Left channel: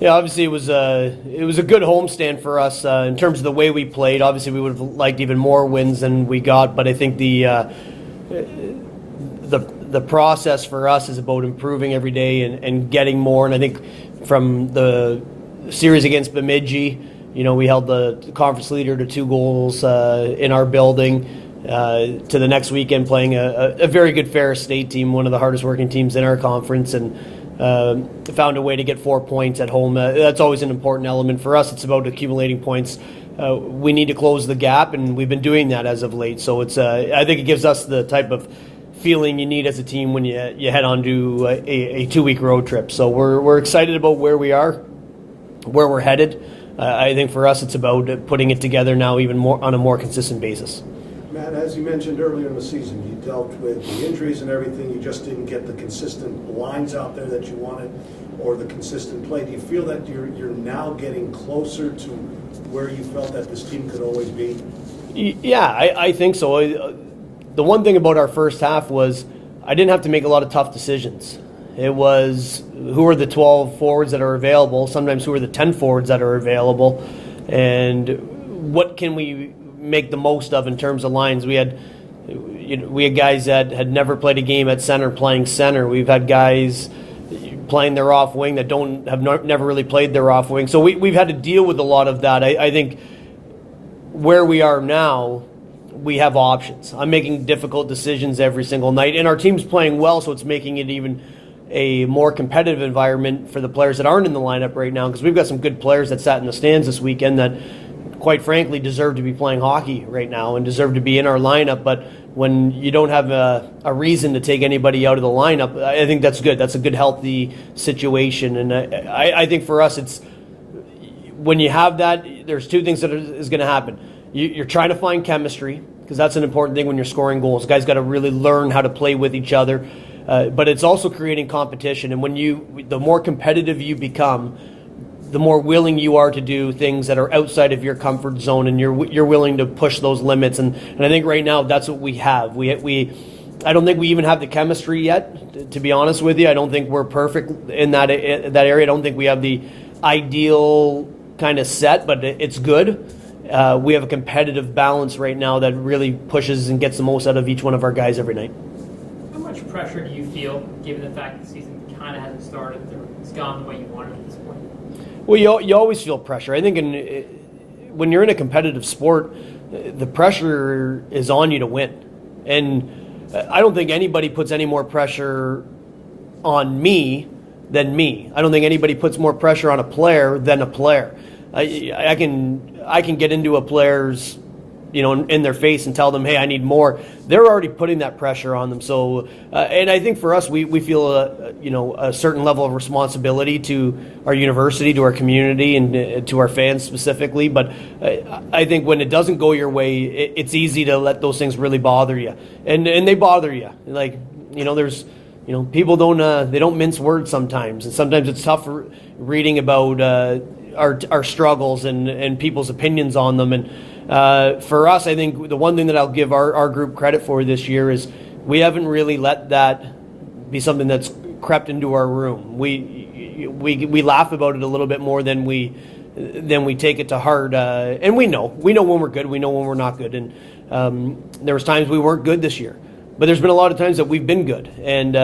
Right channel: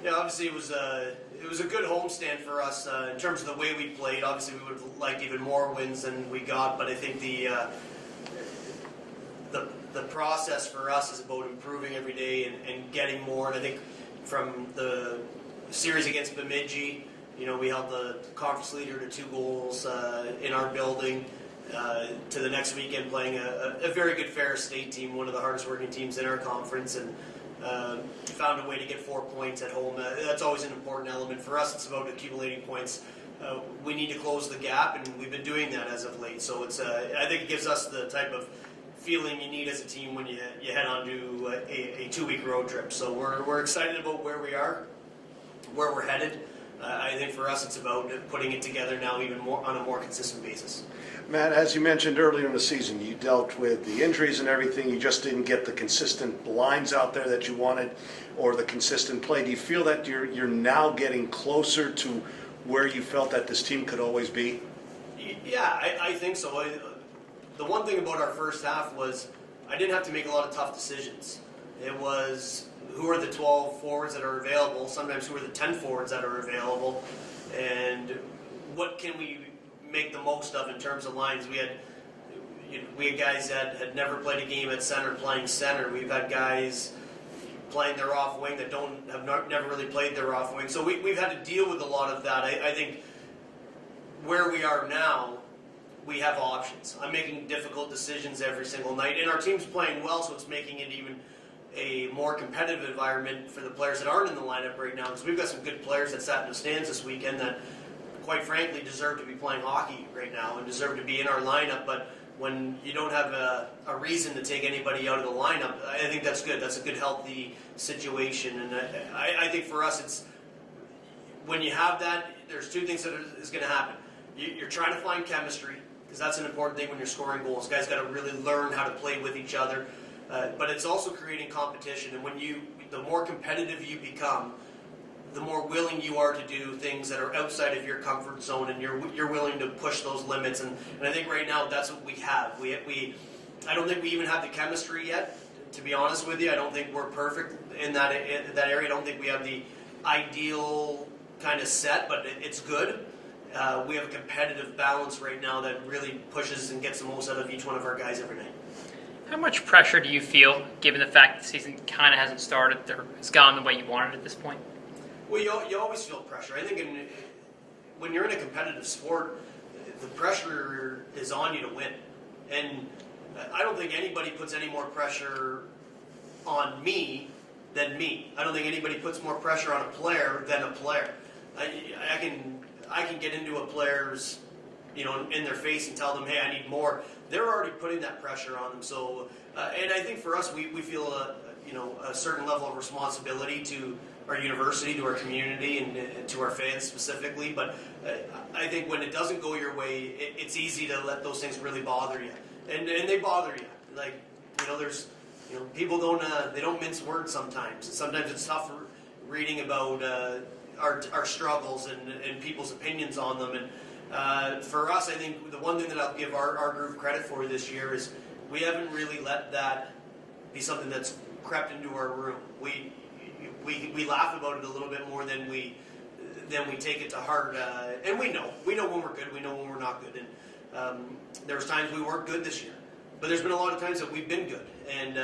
Yeah, obviously it was a good homestand for us in terms of the way we played. Obviously, we would have liked even more wins than we got, but I think the process for us is about improving every day and getting more. And I think from the series against Bemidji, we held the conference leader to 2 goals in our building. To the next weekend playing a very good Ferris State team, one of the hardest working teams in our conference, and found a way to get 4 points at home. That's always an important element for us. It's about accumulating points. We need to close the gap, and we've been doing that as of late. So it's I think it gives us the type of feeling you need as a team when you head on to a 2-week road trip. So we're excited about where we are, where we're headed. I think for us it's about putting it together now even more on a more consistent basis. Matt, as you mentioned earlier in the season, you dealt with the injuries and everything. You just didn't get the consistent lines out there that you wanted or the consistent play. Do you feel that you're now getting closer to where you felt that this team could always be? Yeah, I think so. The one thing about our first half was I didn't have to make a lot of tough decisions. It was who are the 12 forwards that are available, sometimes who are the 10 forwards that are available, and what can we make the most of in terms of lines. We had guys that had never played a game at center playing center. We've had guys playing their off wing that never really played their off wing. So we've had to deal with a lot of that. I think where we are now, we have options. I'm making difficult decisions every single night, and our team's playing well, so it's making it even a more competitive environment for the players that aren't in the lineup right now, because we've got some good players that sat in the stands this weekend that quite frankly deserve to be playing hockey right now and deserve to be in our lineup. But when you don't have a reason to take anybody out of the lineup, I think that's good. That's a good, healthy situation. And I think for us, it's when you have that, there's 2 things that is going to happen. You're trying to find chemistry, because that's an important thing when you're scoring goals. Guys got to really learn how to play with each other. But it's also creating competition. And the more competitive you become, the more willing you are to do things that are outside of your comfort zone, and you're willing to push those limits. And I think right now that's what we have. I don't think we even have the chemistry yet, to be honest with you. I don't think we're perfect in that area. I don't think we have the ideal kind of set, but it's good. We have a competitive balance right now that really pushes and gets the most out of each one of our guys every night. How much pressure do you feel, given the fact that the season kind of hasn't started, or it's gone the way you wanted at this point? Well, you always feel pressure. I think when you're in a competitive sport, the pressure is on you to win. And I don't think anybody puts any more pressure on me than me. I don't think anybody puts more pressure on a player than a player. I can get into a player's in their face and tell them, hey, I need more. They're already putting that pressure on them. So, and I think for us, we feel a certain level of responsibility to our university, to our community, and to our fans specifically. But I think when it doesn't go your way, it's easy to let those things really bother you, and they bother you. Like there's people don't mince words sometimes, and sometimes it's tough reading about our struggles and people's opinions on them. And for us, I think the one thing that I'll give our group credit for this year is we haven't really let that be something that's crept into our room. We laugh about it a little bit more than we take it to heart, and we know when we're good, we know when we're not good. And there was times we weren't good this year, but there's been a lot of times that we've been good, and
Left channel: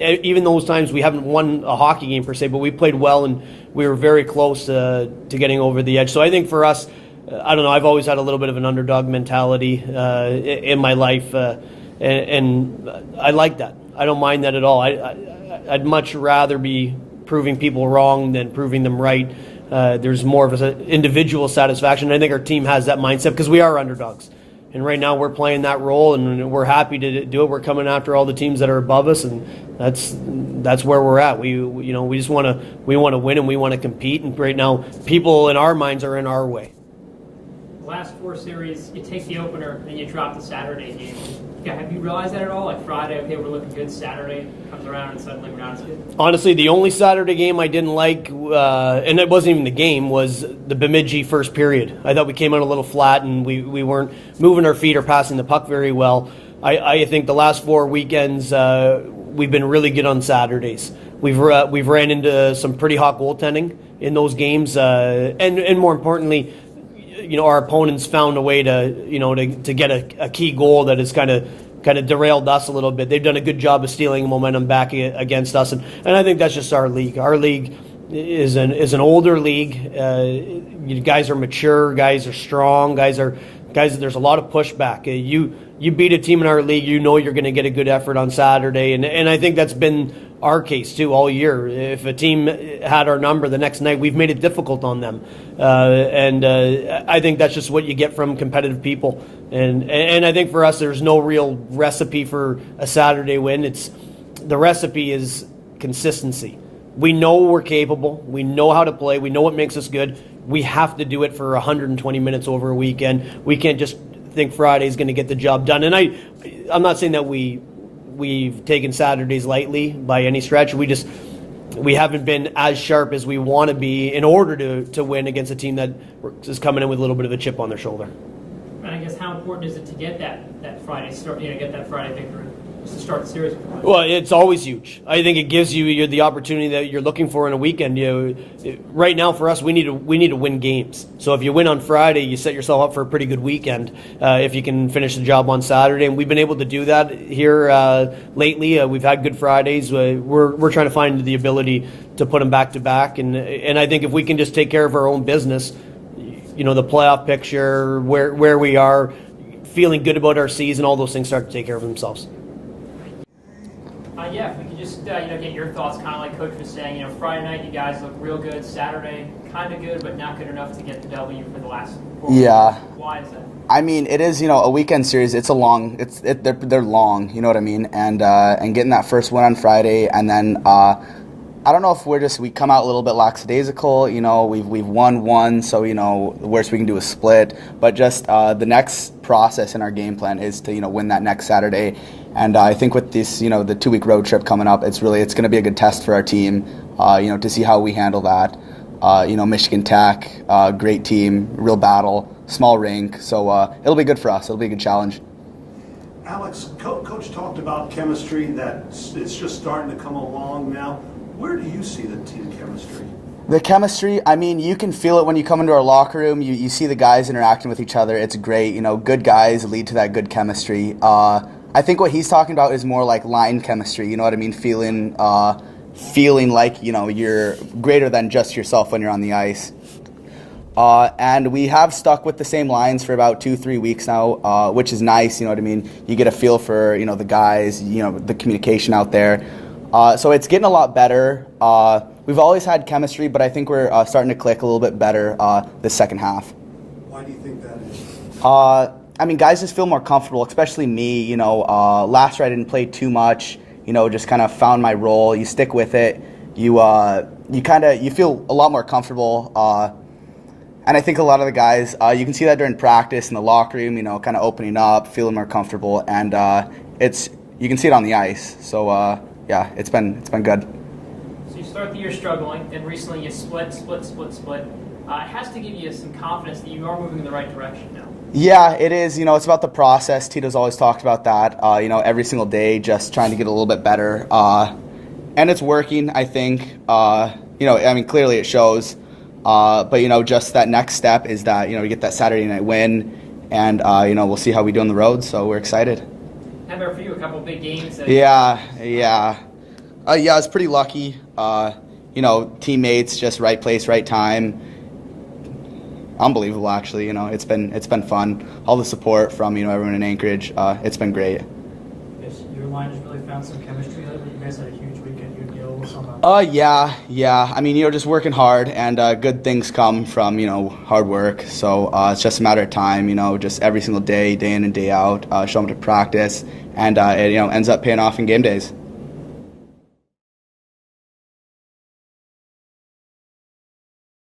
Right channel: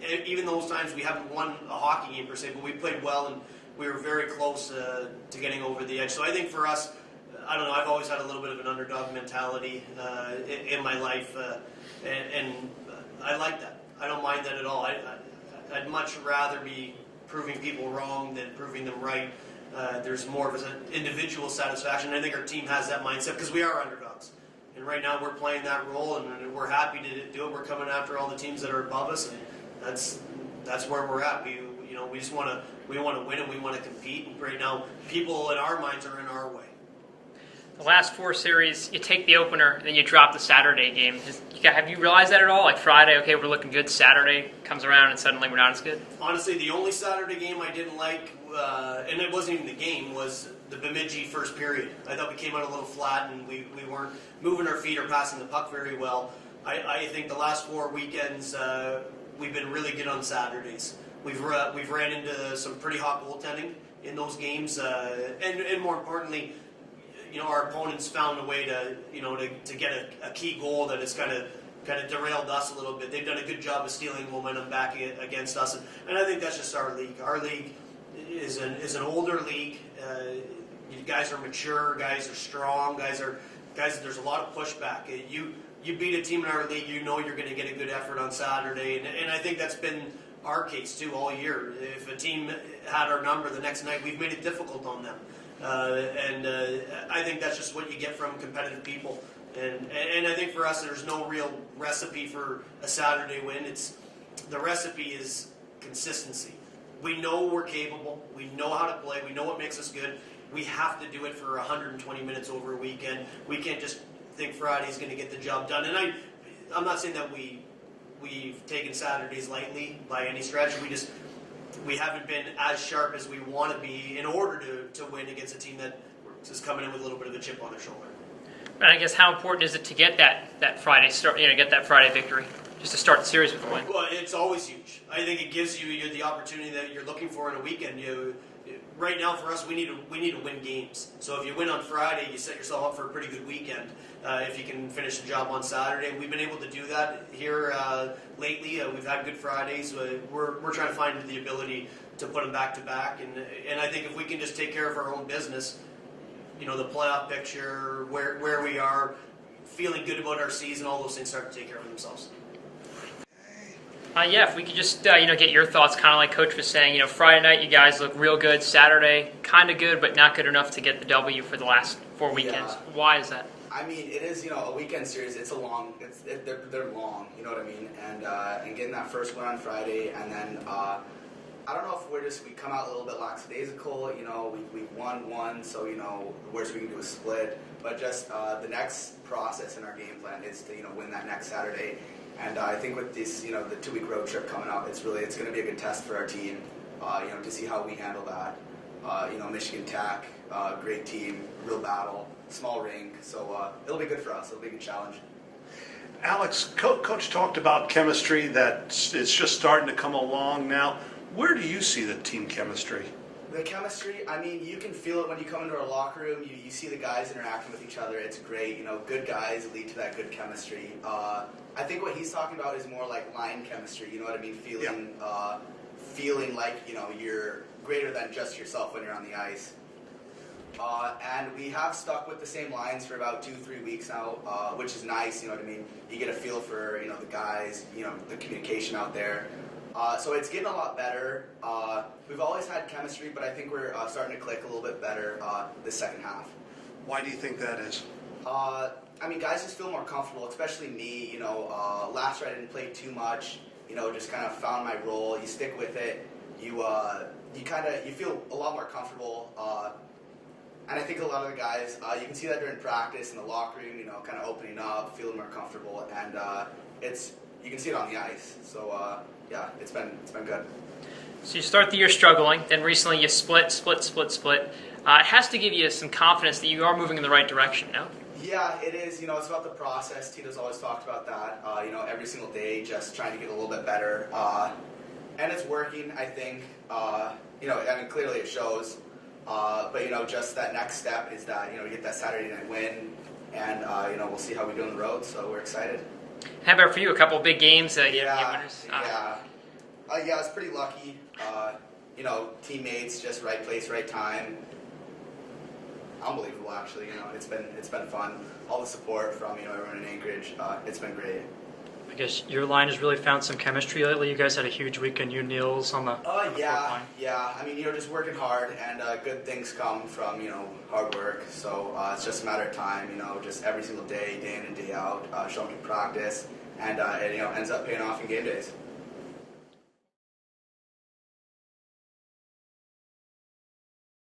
even those times we haven't won a hockey game per se, but we played well and we were very close to getting over the edge. So I think for us, I don't know, I've always had a little bit of an underdog mentality in my life, and I like that. I don't mind that at all. I'd much rather be proving people wrong than proving them right. There's more of an individual satisfaction. I think our team has that mindset because we are underdogs. And right now we're playing that role, and we're happy to do it. We're coming after all the teams that are above us, and that's where we're at. We just want to win, and we want to compete. And right now, people in our minds are in our way. The last 4 series, you take the opener, and then you drop the Saturday game. Have you realized that at all? Like Friday, okay, we're looking good. Saturday comes around, and suddenly we're not as good. Honestly, the only Saturday game I didn't like, and it wasn't even the game, was the Bemidji first period. I thought we came out a little flat, and we weren't moving our feet or passing the puck very well. I think the last 4 weekends we've been really good on Saturdays. We've ran into some pretty hot goaltending in those games, and more importantly, our opponents found a way to get a key goal that has kind of derailed us a little bit. They've done a good job of stealing momentum back against us, and I think that's just our league. Our league is an older league. Guys are mature, guys are strong, guys. There's a lot of pushback. You beat a team in our league, you're going to get a good effort on Saturday, and I think that's been our case too all year. If a team had our number the next night, we've made it difficult on them, and I think that's just what you get from competitive people. And I think for us, there's no real recipe for a Saturday win. The recipe is consistency. We know we're capable. We know how to play. We know what makes us good. We have to do it for 120 minutes over a weekend. We can't just think Friday's going to get the job done. And I'm not saying that we've taken Saturdays lightly by any stretch. We haven't been as sharp as we want to be in order to win against a team that is coming in with a little bit of a chip on their shoulder. And I guess how important is it to get that Friday start? Get that Friday victory, just to start the series with a win. Well, it's always huge. I think it gives you the opportunity that you're looking for in a weekend. Right now for us, we need to win games. So if you win on Friday, you set yourself up for a pretty good weekend. If you can finish the job on Saturday, and we've been able to do that here lately. We've had good Fridays. We're trying to find the ability to put them back to back, and I think if we can just take care of our own business. The playoff picture, where we are, feeling good about our season, all those things start to take care of themselves. If we could just get your thoughts, kind of like Coach was saying. Friday night you guys look real good. Saturday kind of good, but not good enough to get the W for the last 4 weekends. Yeah. Why is that? I mean, it is a weekend series. It's they're long. You know what I mean? And getting that first win on Friday, and then. I don't know if we come out a little bit lackadaisical. We've won one, so the worst we can do is split. But just the next process in our game plan is to win that next Saturday, and I think with this the 2-week road trip coming up, it's going to be a good test for our team. To see how we handle that. Michigan Tech, great team, real battle, small rink, so it'll be good for us. It'll be a good challenge. Alex, Coach talked about chemistry, that it's just starting to come along now. Where do you see the team chemistry? The chemistry, I mean, you can feel it when you come into our locker room. You see the guys interacting with each other. It's great. Good guys lead to that good chemistry. I think what he's talking about is more like line chemistry. You know what I mean? Feeling like, you're greater than just yourself when you're on the ice. And we have stuck with the same lines for about 2-3 weeks now, which is nice. You know what I mean? You get a feel for, the guys, the communication out there. So it's getting a lot better. We've always had chemistry, but I think we're starting to click a little bit better this second half. Why do you think that is? I mean, guys just feel more comfortable, especially me. Last year I didn't play too much. Just kind of found my role. You stick with it. You feel a lot more comfortable. And I think a lot of the guys, you can see that during practice in the locker room. Kind of opening up, feeling more comfortable, and you can see it on the ice. So. Yeah, it's been good. So you start the year struggling, then recently you split. It has to give you some confidence that you are moving in the right direction now. Yeah, it is. It's about the process. Tito's always talked about that. Every single day, just trying to get a little bit better. And it's working, I think. Clearly it shows. But, just that next step is that, we get that Saturday night win. And, we'll see how we do on the road. So we're excited. How about for you? A couple of big games? Yeah. I was pretty lucky. Teammates, just right place, right time. Unbelievable, actually. It's been fun. All the support from everyone in Anchorage. It's been great. I guess your line has really found some chemistry lately. You guys had a huge weekend. You and Niels on the. Yeah. I mean, just working hard, and good things come from hard work. So it's just a matter of time. Just every single day, day in and day out, show them to practice, and it ends up paying off in game days.